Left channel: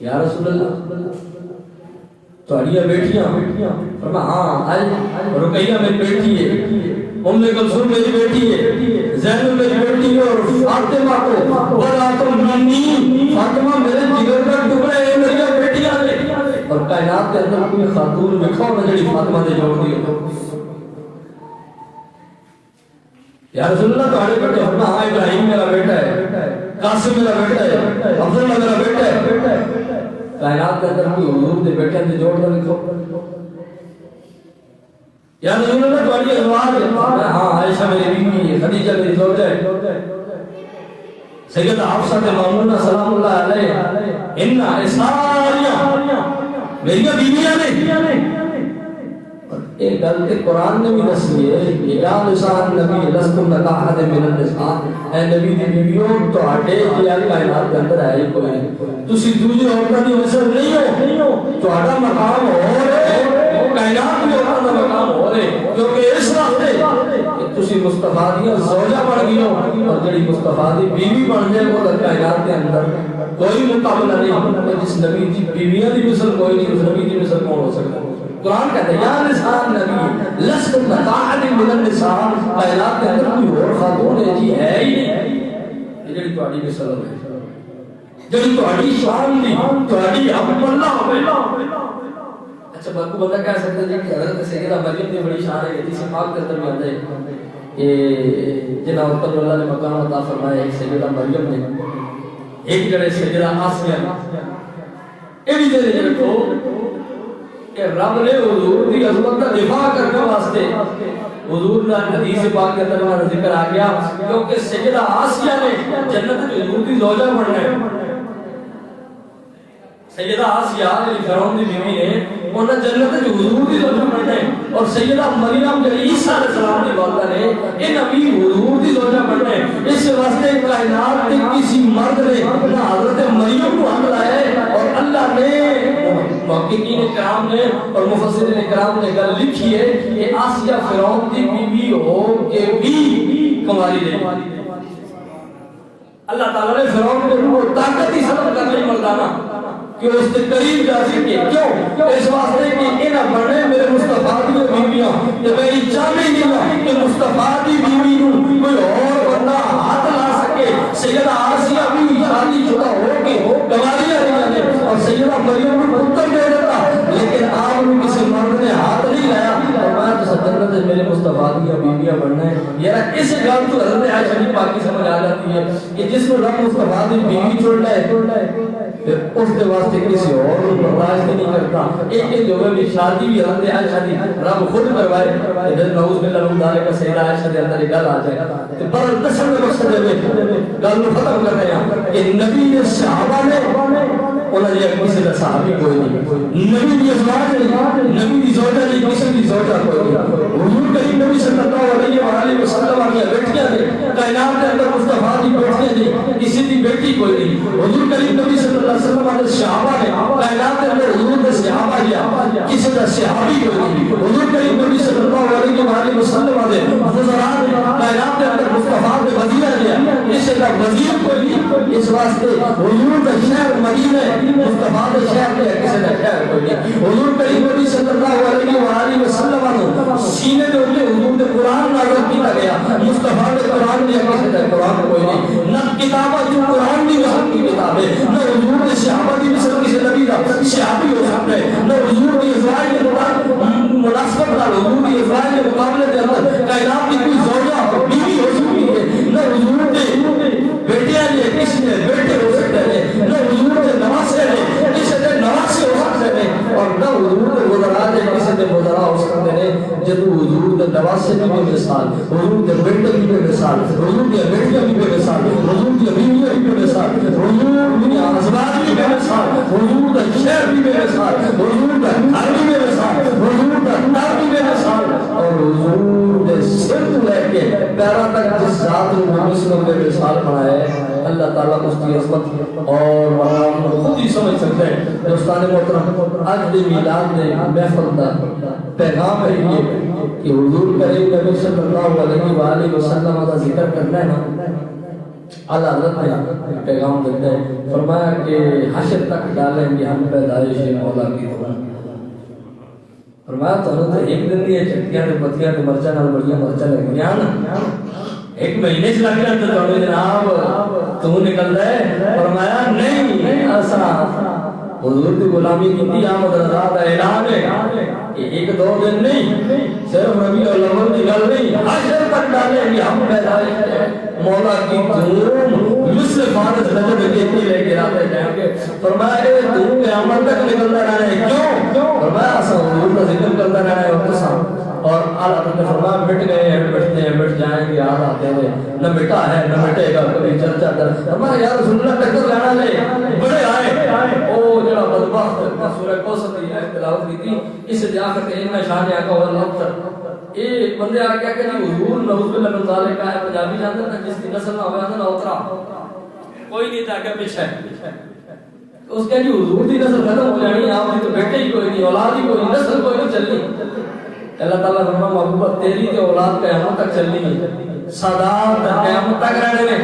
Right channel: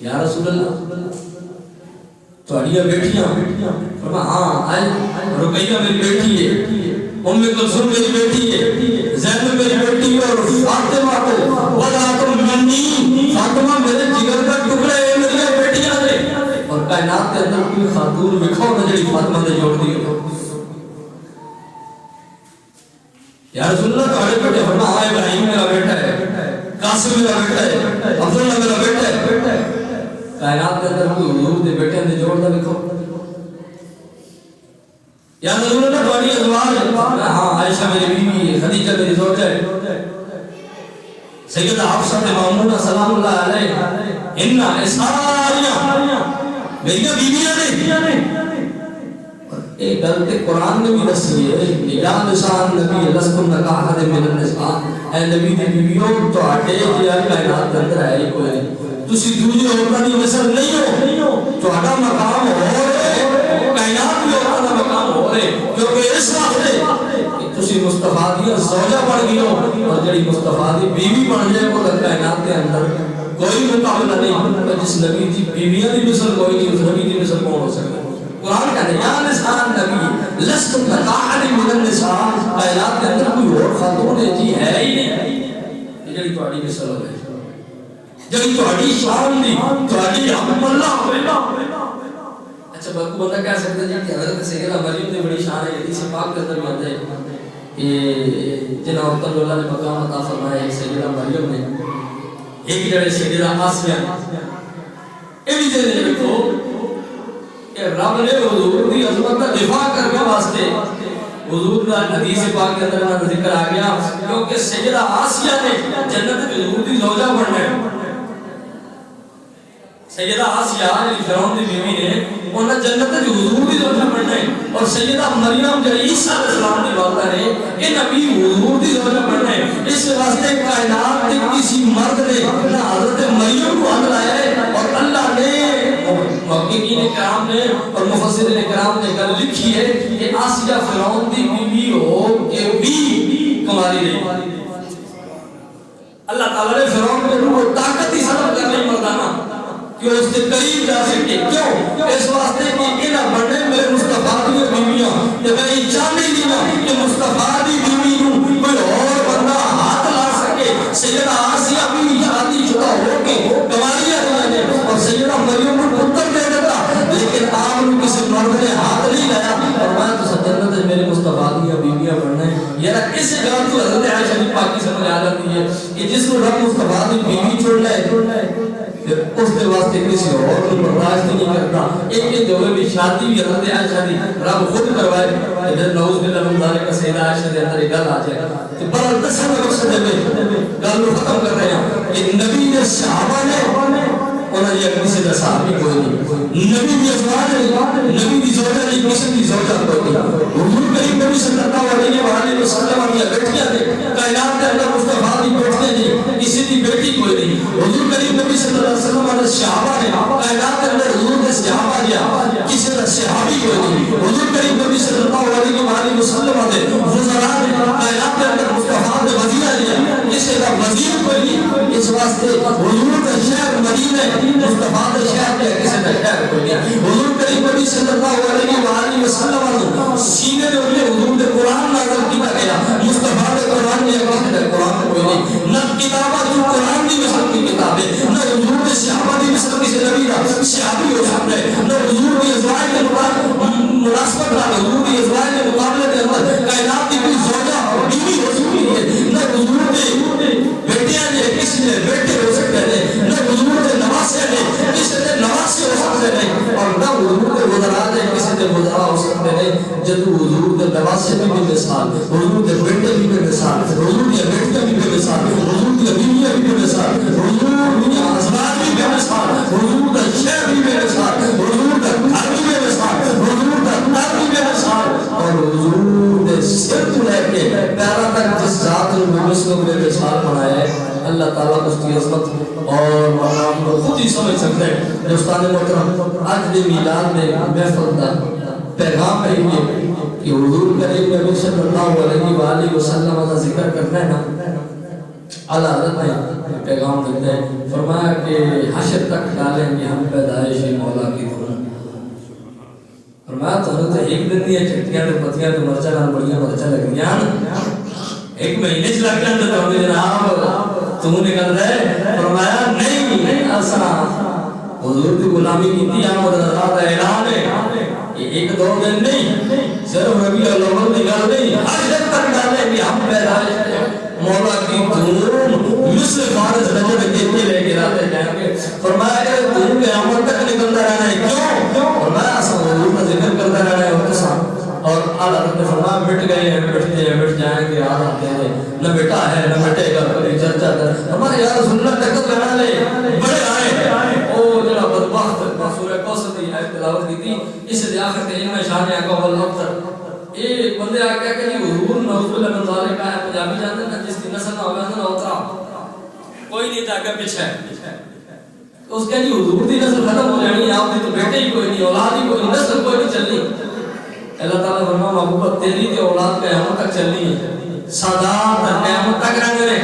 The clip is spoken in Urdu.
یا رسول اللہ تھوڑی بیٹیاں؟ فرمایا ہاں آئے، رقیہ میری بیٹی ہے، ام کلثوم میری بیٹی ہے، زینب میری بیٹی ہے، اور فاطمہ کو وَلَاكُمْ مِنِّي، فاطمہ میرے جگر کا ٹکڑا ہے، میری بیٹیاں نے۔ اور کائنات کے اندر کوئی خاتون لکھو نہ جڑی فاطمہ نے جوڑ دی ہو۔ یا رسول اللہ تمہارے بیٹے؟ فرمایا ہاں ابراہیم میرا بیٹا ہے، قاسم میرا بیٹا ہے، عبداللہ میرا بیٹا ہے۔ کائنات کے اندر کوئی حضور دے بیٹے نے جوڑ نہ لکھو۔ یا رسول اللہ تمہاری ازواج؟ ہاں عائشہ میری بیوی ہے، خدیجہ میری زوجہ ہے، سیدہ حفصہ مامونہ سلام اللہ علیہ، انہا ساریاں میری بیویاں نے۔ ایک غلط قرآن نے بھی دسی ہے، یا نساء نبی لستن کاحد من النساء، اے نبی دی بیویوں تواڈے جیہاں کائنات کے اندر ہے ہی کوئی نہیں، تسی دوجے عورتاں دی مثل نہیں ہو، تہاڈا مقام ہو رہے، کائنات میں عورتاں دا مقام ہو رہے، کیونکہ اس وقت کہ تسی مصطفیٰ دی زوجہ بن گئی ہو، اور جڑی مصطفیٰ دی بیوی بن جائے کو کائنات کے اندر کوئی مقابلہ نہیں، جس نبی دی بیویاں دی مثل کوئی نہیں، اس نبی دی مثل کون ہو سکتا ہے؟ قرآن کہتے ہیں یا نساء نبی لستن کاحد من النساء، کائنات کے اندر کوئی اور خاتون ایسی ہے ہی نہیں یہ جڑی تہاڈی مثل ہوے، جڑی تہاڈی شان دی، تہاڈی ہم اللہ ہوے۔ اچھا بندہ کہہ سکتا ہے کہ حضرت سیدہ مریم دی بڑی شان ہے، حدیث پاک کے اندر بھی آتا ہے کہ جن عورتوں کو اللہ نے مقام عطا فرمایا ہے، سیدہ مریم نے، ایک جڑے سیدہ آسیہ اے بھی جڑے کو کہ رب نے حضور دی عظمت کا دفاع کرنے واسطے حضور کا حدیث پاک کے اندر میں ذکر آ گیا، کیونکہ سیدہ آسیہ نے جنت میں حضور دی زوجہ بننا ہے۔ سیدہ آسیہ علی فرعون دی بیوی نے انہاں جنت میں حضور دی زوجہ بننا ہے، اور سیدہ مریم جو عیسیٰ علیہ السلام دی والدہ ہے یہ نبی حضور دی زوجہ بننا ہے۔ اس واسطے کائنات کے کسی مرد نے نہ حضرت مریم کو ہاتھ لایا ہے، اور اللہ نے محققین کرام نے اور مفسرین کرام نے گل لکھی ہے کہ آسیہ فرعون دی بیوی ہو کے بھی کماری رہی۔ اللہ تعالیٰ نے فرعون کے روح طاقت ہی سبب کر لی مردانہ کہ اس کے قریب جا سکے، کیوں؟ اس واسطے کہ انہاں بڑے میرے مصطفیٰ دی بیویاں، جب میں یہ چاہ نہیں دینا کہ مصطفیٰ دی بیوی کوئی اور بندہ ہاتھ لا سکے۔ سیدہ آسیہ بھی شادی شدہ ہو کے کماریاں رہی ہیں، اور سیدہ مریم کو پتر دے دیتا، لیکن آپ نے کسی مرد نے ہاتھ نہیں لایا، فرمایا تو جنت میں میرے مصطفیٰ دی بیویاں بننا ہے۔ یعنی اس گل تو حضرت عائشہ کی پاکی سمجھ آ جاتی ہے کہ جس کو رب مصطفیٰ دی بیوی چھوڑنا ہے پھر اس کے واسطے کسی اور کو برداشت نہیں کرتا۔ ایک جگہ بھی شادی بھی حضرت عائشہ دی رب خود کروائے، ادھر نعوذ باللہ من ذالک سیدہ عائشہ کے اندر ایک گل آ جائے تو پر تصل مقصد میں گل کو ختم کر رہے ہیں کہ نبی نے صحابہ نے انہوں نے کسی کا صحابی کوئی نہیں، نبی دی ازواج نے، نبی دی زوجہ نے، کسی دی زوجہ کوئی نہیں، حضور کریم نبی صلی اللہ علیہ وسلم کی بیٹیاں نے، کائنات کے اندر مصطفیٰ دی بیٹیاں نے، کسی دی بیٹی کوئی نہیں۔ حضور کریم نبی صلی اللہ علیہ وسلم نے صحابہ نے، کائنات کے اندر حضور کے صحابہ دیا، کسی کا صحابی کوئی نہیں۔ حضور کریم نبی صلی اللہ علیہ وسلم نے وزراء نے، کائنات کے اندر مصطفیٰ نے وزیر دیا، کسی کا وزیر کوئی نہیں۔ اس واسطے حضور کا شہر مدینہ ہے، مصطفیٰ کا شہر کیا کسی کا شہر کوئی نہیں۔ حضور کریم نبی صلی اللہ علیہ وسلم نے سینے میں انہیں حضور کے قرآن نازل کیا گیا، مصطفیٰ کے قرآن میں کسی کا قرآن کوئی نہیں۔ نہ کتابت القرآن دی مثل کی کتاب ہے، نہ حضور کے صحابہ دی مثل کسی نبی کا صحابی ہو سکتا ہے، نہ حضور کی ازواج کے مناسبت نہ حضور کی ازواج کے مقابلے کے اندر کائنات کی کوئی زوجہ بیوی ہو سکتی ہے، نہ حضور کے بیٹیاں نے کسی نے بیٹے ہو سکتے ہیں، نہ حضور کے نواسے نے کسی نے نواسے ہو سکتے ہیں، اور نہ حضور کے وزراء نے کسی نے وزراء ہو سکتے ہیں۔ جب حضور کے نواسے بھی بے مثال، حضور کے بیٹے بھی بے مثال، حضور کی بیٹیاں بھی بے مثال، حضور کی بیویاں بھی بے مثال، حضور کی ازواج بھی بے مثال، حضور کا شہر بھی بے مثال، حضور کا گھر بھی بے مثال، حضور کا در بھی بے مثال، اور حضور کے سر تو لے کے پیروں تک جس ذات نے مسلم بے مثال بنایا ہے، اللہ تعالیٰ اس کی عظمت اور مقام کو خود ہی سمجھ سکتے ہیں۔ استاد محترم آج دی میلاد نے محفل دا پیغام ہے یہ کہ حضور کریم نبی صلی اللہ علیہ وسلم کا ذکر کرنا ہے نا اللہ حضرت نے پیغام دیتا ہے، فرمایا کہ حشر تک ڈالیں گے ہم پیدائش مولا کی طرح۔ فرمایا تو ایک دن یہ چٹیاں تے پتیاں تے مرچا نال بڑیاں مرچا لگ گیا نا، ایک مہینے چ لگ جاتا تو جناب تو نکل رہے۔ فرمایا نہیں، ایسا حضور کی غلامی کی تھی، آمد رضا کا اعلان ہے، ایک دو دن نہیں، صرف ربیع الاول نکل نہیں، حشر تک ڈالیں گے ہم پیدائش مولا کی دھوم، مثل فارس رجب دیکھنے لے کے آتے جائیں گے۔ فرمایا کہ دھوم قیامت تک نکلتا رہنا ہے، کیوں؟ فرمایا اصل حضور کا ذکر کرتا رہنا ہے اس کے ساتھ۔ اور اللہ نے فرمایا مٹ گئے ہیں، مٹتے ہیں، مٹ جائیں گے، آ آتے ہیں، نہ مٹا ہے نہ مٹے گا، کوئی چرچا کر ہمارے یا رسول اللہ ٹکر لگا لے، بڑے آئے او جناب بدبخت سورہ کوثر کی آیت تلاوت کی تھی، اس لیاقت علم شان آقا والابتر۔ ایک بندے آ کے کہ حضور نعوذ باللہ من ذالک ہے، پنجابی جانتے ہیں نا، جس کی نسل نہ ہوگا نا اترا کوئی نہیں تھا کہ پیچھے، اس کے لیے حضور کی نسل ختم ہو جانی ہے، آپ کی تو بیٹے ہی کوئی نہیں، اولاد ہی کوئی نہیں، نسل کوئی نہیں چلنی۔ اللہ تعالیٰ فرمایا محبوب تیری تے اولاد قیامت تک چلنی ہے، سادات قیامت تک رہنے